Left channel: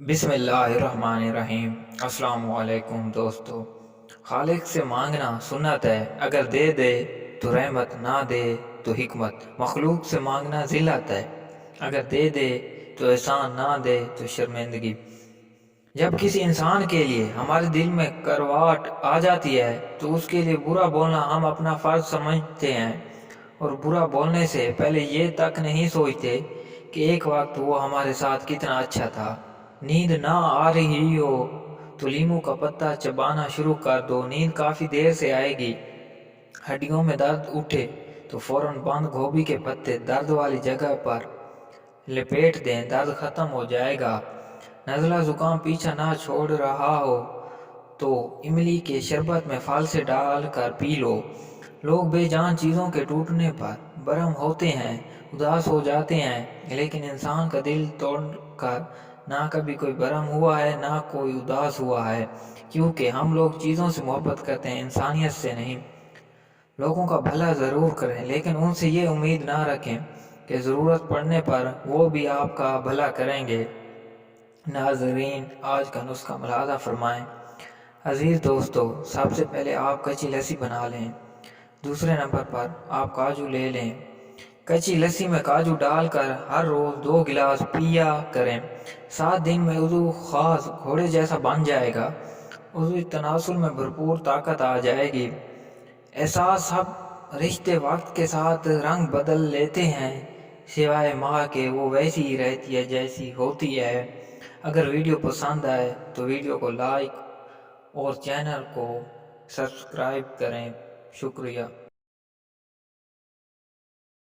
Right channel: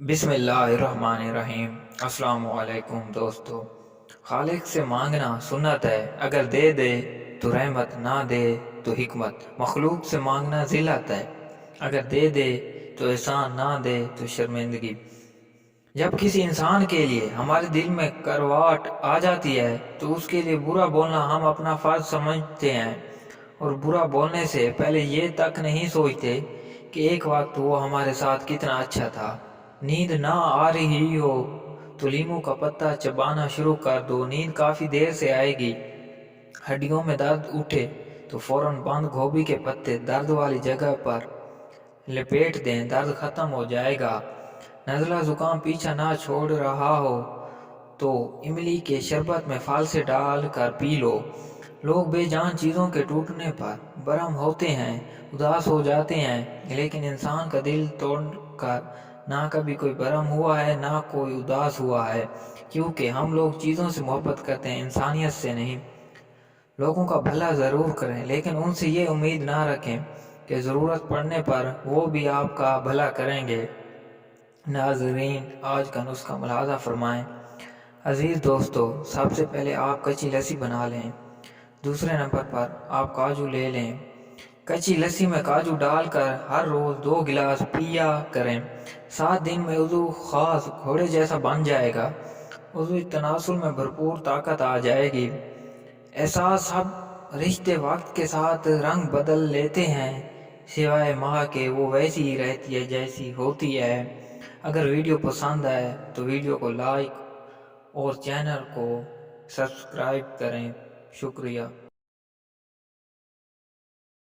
बिस्मिल्लाहिर्रहमानिर्रहीम। अस्सलाम वालेकुम दोस्तों। खालिक से मांगना सुन्नत है, अगर दे दे तो रहमत, ना दे तो हिकमत। मखलूक से मांगना ज़िल्लत है, अगर दे दे तो एहसान, ना दे तो शर्मिंदगी। जब किसी इंसान के लिए हमारे दिल में करवाट आ जाती है तो उसके लिए बुरा बोलना हम अपना फ़र्ज समझते हैं, और बुरा बोलने से पहले ये तक नहीं सोचते कि एक वक्त वो हमारे साथ कितना अच्छा था। नींद ना आ रही हो तो लीमू का पत्ता चबाना शुरू कर दो, नींद काफ़ी देर से आएगी। हड्डियों में दर्द उठे तो फौरन बंद गोभी के पत्ते दर्द वाली जगह पर लपेट दें, दर्द ख़त्म हो जाएगा। नज़ला ज़ुकाम पीछा ना छोड़ रहा हो तो इमली के शरबत में फालसे डाल कर पी लो। लोग बेजान चीज़ों के टूटने पर बरहम होते हैं, उदास हो जाते हैं, लेकिन इंसान का दिल तोड़कर ना कभी कोई बरहम हुआ है, ना कोई उदास हुआ है, क्योंकि हम लोग चीज़ों से मोहब्बत करते हैं, इंसानियत से नहीं। लोगों का भला ज़रूर करें, लेकिन उनसे ये उम्मीद ना रखें कि ज़रूरत पड़ने पर वो भी आपका भला करेंगे। नाज़रीन, आज का नुस्खा मुलाहाज़ा फरमाएँ। अज़ीज़ दोस्तों, सबसे पहले आप कच्ची लस्सी बना लें। दूसरे नंबर पर आप काजू ले लें। कच्ची लस्सी में काजू डालकर हर रोज़ 2 गिलास पिया करें। 7 दिन में वज़ू ख़ास घोड़े जैसा बन जाएगा। वज़ू तनासुल में भरपूर ताकत आ जाएगी। एहसास सब रिश्ते वक्त के साथ रंग बदल लेते हैं, सिवाय माँ के वो वैसी ही रहती है जैसी होती है। अगर वीडियो पसंद आए तो वीडियो को लाइक और चैनल को सब्सक्राइब करें। शुक्रिया।